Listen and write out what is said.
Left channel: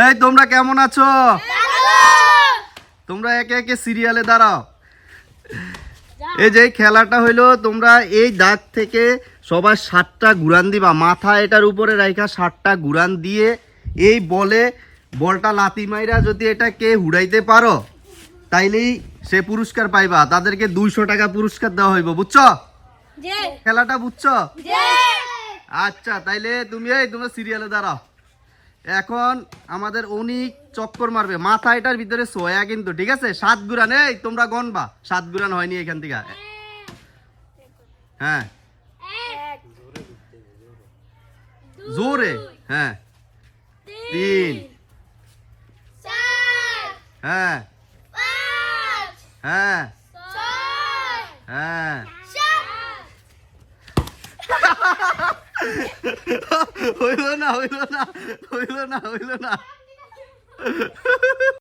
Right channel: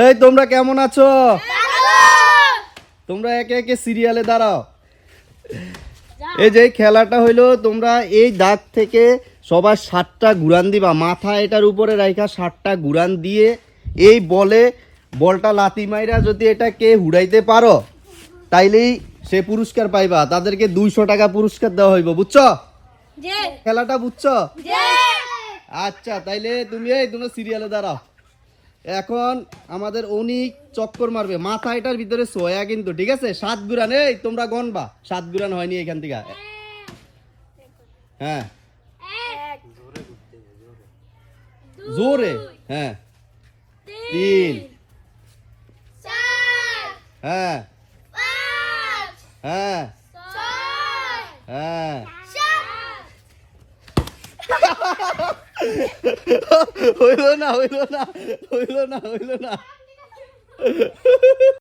এই তোমরা কেমন আছো? তোমরা একে একে সিরিয়ালে দাঁড়াও। এই যে খেলাটা হইলো, তোমরা এই দাগ থেকে সবাই 7টা ঘুরান দিবা, মাথা এটার উপরে রাখা 7টা ঘুরান দিয়ে এই বলটা লাথি মাইরা যদি এটা কে হুড়াইতে পারো তাইলেই সে পুরস্কার পাইবা। তাদেরকে 200 টাকা পুরস্কার দেওয়া হইব, বুঝছো? খেলাটা বুঝছো? আচ্ছা, তাইলে তোমরা সিরিয়ালে দাঁড়াও। এখন আমাদের অনেক চক্কর মারবে, মাথা এটার ভিতরে সোয়া কিন্তু, ঠিক আছে? 7 গুরান, এই তোমরা গণবা, 7 গুরান হয়নি এখান থেকে। হ্যাঁ জোরে, হ্যাঁ 3, হ্যাঁ হ্যাঁ হ্যাঁ হইল না।